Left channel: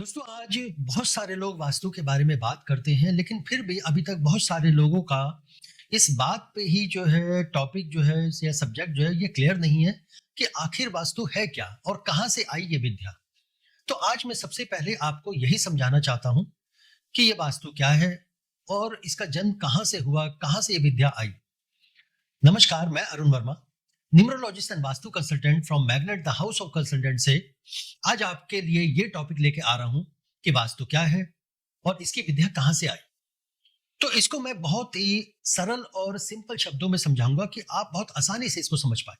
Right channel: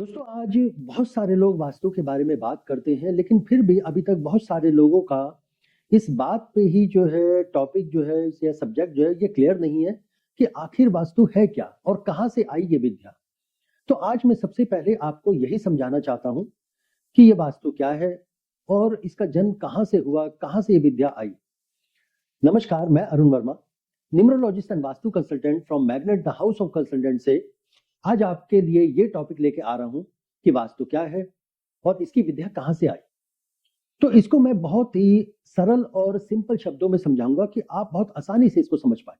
दोस्तों आज बहुत सारे लोग वास्तु के बारे में बात करते हैं लेकिन फिर भी अभी तक बहुत सारे लोगों का इस बात पे ही जो है टॉपिक जो है या सब्जेक्ट जो है ये क्लियर नहीं है कि आखिर वास्तु है क्या और कहाँ से आई ये विद्या। तो आज मैं सबसे पहले आपको यही समझाना चाहता हूँ कि ये वास्तु क्या है और इसका जन्म कहाँ से हुआ, कहाँ से ये विद्या आई। नमस्कार, मैं Arun Verma, numerologist and vastu consultant from magnet the house of consultant से आज आपके लिए ये टॉपिक लेके आ रहा हूं कि वास्तु क्या है और इसकी विद्या कहां से आई। तो इसको मैं बहुत ही सरल और सिंपल शब्दों में समझाऊंगा कि आप बहुत आसानी से इसको समझ पाए।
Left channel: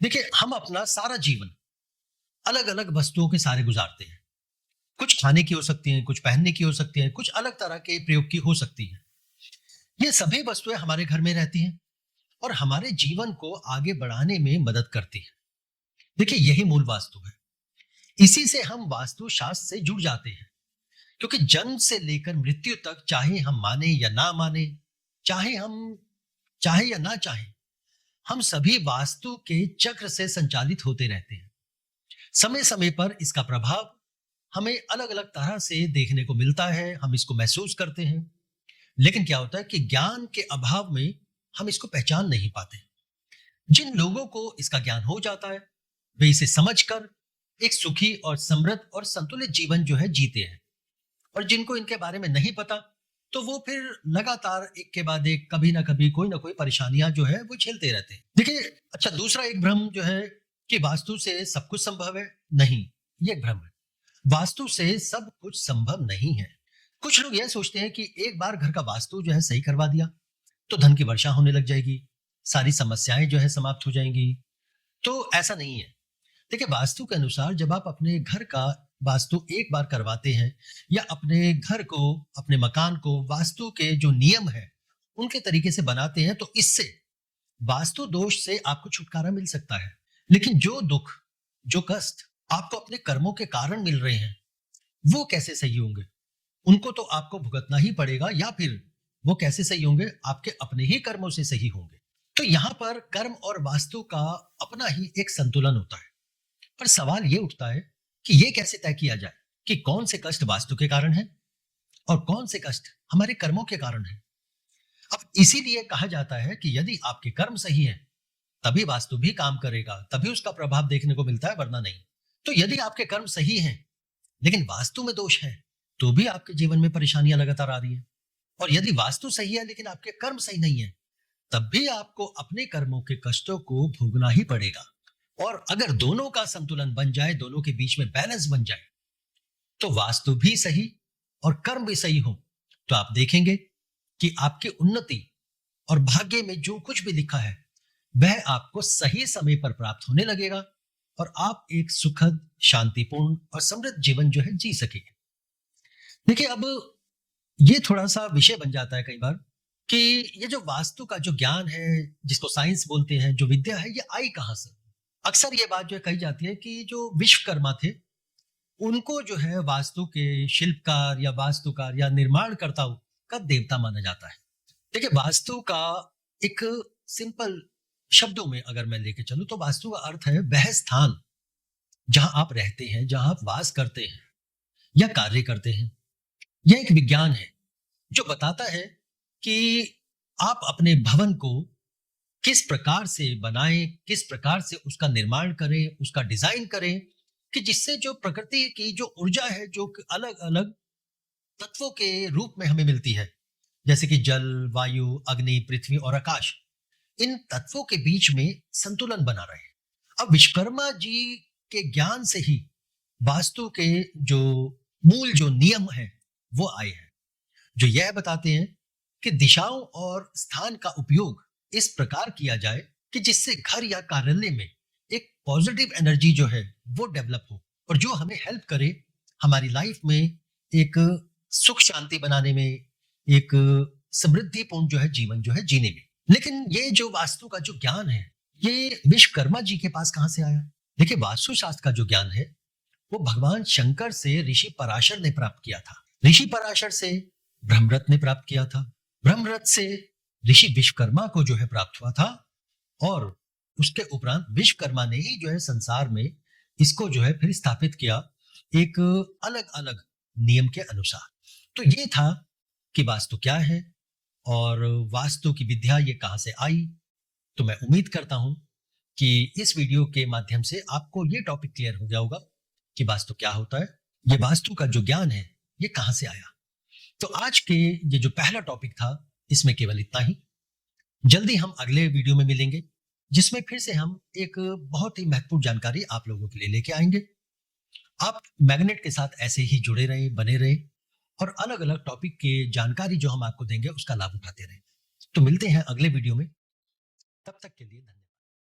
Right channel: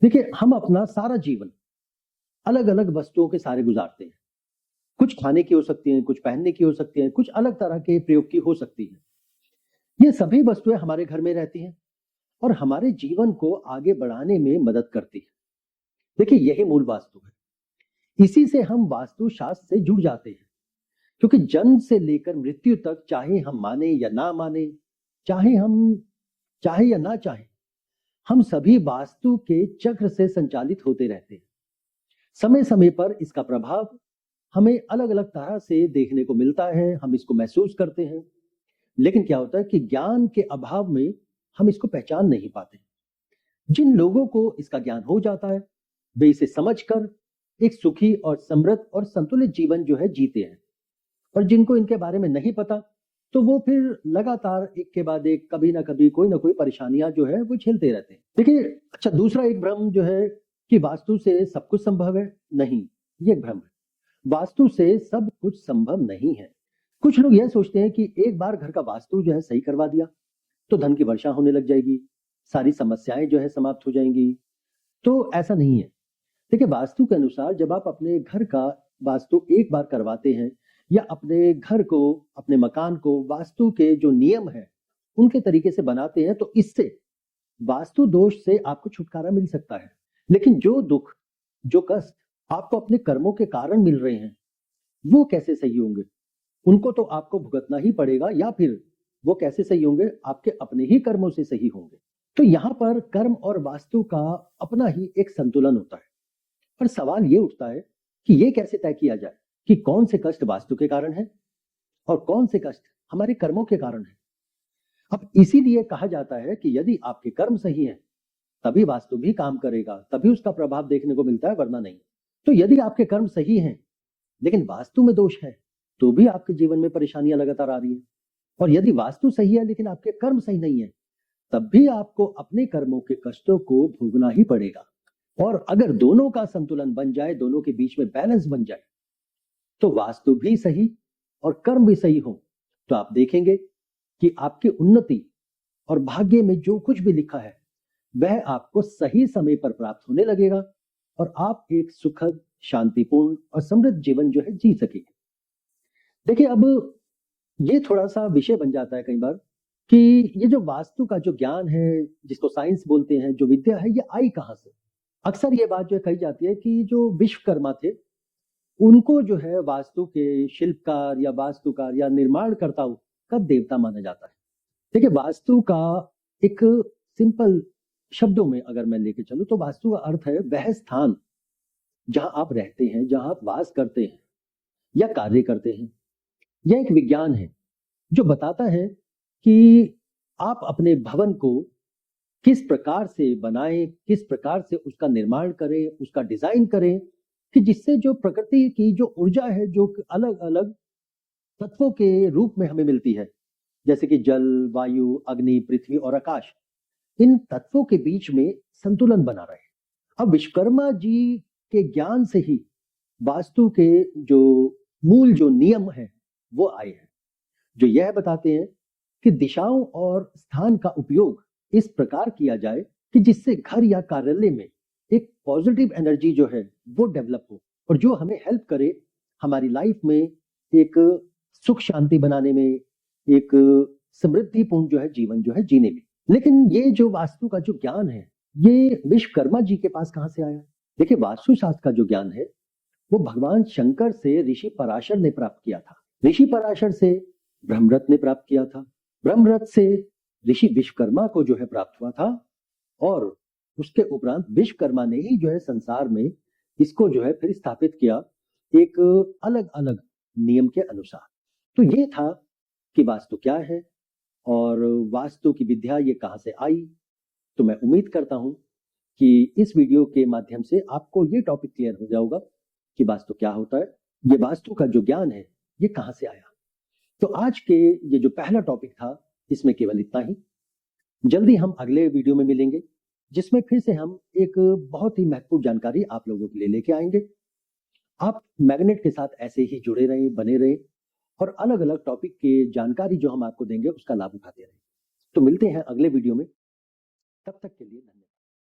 देखिए, हम अपना सारा जीवन अलग अलग वस्तुओं के सारे गुजारते हैं। कुछ खाने की हो सकती हैं, कुछ पहनने की हो सकती हैं, कुछ अलग तरह के प्रयोग की हो सकती हैं। ये सभी वस्तुएं हमारे घर में रहती हैं और हमारे जीवन को आगे बढ़ाने में मदद करती है। देखिए, यही मूल वास्तु है। इसी से हम वास्तु शास्त्र से जुड़ जाते हैं, क्योंकि जन्म से लेकर मृत्यु तक, चाहे हम माने या ना माने, चाहे या ना चाहे, हम सभी वास्तु के चक्र से संचालित होते रहते हैं। समय समय पर इसका प्रभाव हमें अलग अलग तरह से देखने को मिलता है, हम इसको महसूस करते हैं। लेकिन क्या होता है कि ज्ञान के अभाव में हम इसको पहचान नहीं पाते। जिन लोगों को इसका ज्ञान हो जाता है वे इसे समझकर एक सुखी और समृद्ध और संतुलित जीवन जो है जीते हैं, और जिनको इनके बारे में नहीं पता तो वो फिर लगातार एक के बाद एक कभी ना कभी कोई ना कोई परेशानियां जो है वो झेलते रहते हैं। देखिए, अच्छा, दूसरा एक भ्रम जो है कि वास्तु से सब कुछ संभव है। नहीं, ये एक भ्रम है। वास्तु से सब कुछ संभव नहीं है। कुछ लोग यह सोचते हैं कि एक बार घर का वास्तु जो है सही करवा दिया तो धन की वर्षा होने लग जाएगी, सारी समस्याएं जो है समाप्त हो जाएंगी। तो ऐसा नहीं है। देखिए, वास्तु के अनुसार जब आप अपने घर का वास्तु एक बार करवाते हैं या अपने घर को, अपने मकान को वास्तु के जो नियम है उनके तरीके से बनाते हैं तो इससे वास्तु दोष से आपको छुटकारा मिल सकता है। लेकिन जो दुख, जो कष्ट आपको अपने कर्मों के कारण मिल रहे हैं वो कैसे सही होंगे? उनको तो आपको भुगतना ही पड़ेगा, या फिर वो कैसे सही होंगे? आपके अपने ही कर्मों से सही होंगे। तो यहां पर कर्म और वास्तु का अपना ही एक संतुलन होता है। पर सवाल ये उठता है कि ये कैसे तय किया जाए कि कौन से कष्ट वास्तु के कारण है और कौन से कष्ट हमारे कर्मों के कारण है। अब इसीलिए कहा जाता है कि यदि आपके कर्म सही हैं तभी वास्तु भी काम करेगा, तभी उसका प्रभाव देखने को मिलता है, वरना नहीं। तो यदि आपके कर्म सही हैं लेकिन वास्तु में दोष है तो भी आपके जीवन में परेशानियां लगातार आ रही हैं। और यदि वास्तु सही है लेकिन आपके कर्म सही नहीं है तब भी आपको अपने कर्मों के कष्टों को भोगना ही पड़ेगा। और अगर दोनों का संतुलन बन जाए, दोनों के बीच में बैलेंस बन जाए, तो वास्तु भी सही और कर्म भी सही हो, तो आप देखेंगे कि आपकी उन्नति और भाग्य में जो कुछ भी लिखा है वह आपको सही समय पर प्राप्त होने लगेगा और आप एक सुखद, शांतिपूर्ण और समृद्ध जीवन जो है जी सकेंगे। देखिए, अब ये थोड़ा सा विषय बन जाता है कई बार कि ये जो वास्तु का जो ज्ञान है, जिसको साइंस बोलते हैं, जो विद्या है, ये आई कहां से। अक्सर ये बात जो है कही जाती है कि जो विश्वकर्मा थे उनको जो है वास्तु के शिल्पकार या वास्तुकार या निर्माणकर्ताओं का देवता माना जाता है। देखिए, वास्तु का एक सिंपल शब्दों में अगर मैं लेके चलूं तो वास्तु का अर्थ है वह स्थान जहां आप रहते हैं, जहां आप वास करते हैं या कार्य करते हैं। यह एक विज्ञान है जो बताता है कि आप अपने भवन को किस प्रकार से बनाएं, किस प्रकार से उसका निर्माण करें, उसका डिजाइन करें कि जिससे जो प्रकृति की जो ऊर्जा है, जो अलग अलग तत्वों के रूप में हमें मिलती है, जैसे कि जल, वायु, अग्नि, पृथ्वी और आकाश, इन तत्वों के बीच में संतुलन बना रहे। अब विश्वकर्मा जी के ज्ञान से ही वास्तु के जो मूल जो नियम है वो आए हैं, जो यह बताते हैं कि दिशाओं और स्थान का उपयोग इस प्रकार किया जाए कि जिससे घर या कार्यालय में एक पॉजिटिव एनर्जी जो है वो डेवलप हो और जो हमें हेल्प करे हमारी लाइफ में एक सुख शांति बनाने में, एक समृद्धिपूर्ण जो है जीवन जो है जीने में। लेकिन ये जो वास्तु का जो ज्ञान है ये विश्वकर्मा जी के पास कहां से आया? देखिए, वास्तु शास्त्र का जो ज्ञान है वो भगवान शंकर से ऋषि पराशर ने प्राप्त किया था। ऋषि पराशर से ब्रह्मरथ ने प्राप्त किया था। ब्रह्मरथ से ऋषि विश्वकर्मा को जो है प्राप्त हुआ था और उसके उपरांत विश्वकर्मा ने ही जो है संसार में इसको जो है फिर स्थापित किया एक अलग-अलग नियम के अनुसार। तो ये था कि वास्तु क्या है और वास्तु की विद्या ये कहाँ से आई? तो मैं उम्मीद करता हूँ कि इस वीडियो के माध्यम से आपको ये टॉपिक क्लियर हो गया होगा कि वास्तु क्या होता है, ये वास्तु का जो ज्ञान है, ये कहाँ से आया। तो आज के ये जो पहला टॉपिक था, इसमें केवल इतना ही। जल्दी हम अगले वीडियो में मिलेंगे, जिसमें फिर से हम एक बहुत ही महत्वपूर्ण जानकारी आप लोगों के लिए लेके आएँगे। आप मैग्नेट के साथ ऐसे ही जुड़े रहें, बने रहें और अलग-अलग टॉपिक की जानकारी जो हम आपको देंगे, उसका लाभ उठाते रहें। तो मिलते हैं अगले वीडियो में, तब तक के लिए धन्यवाद।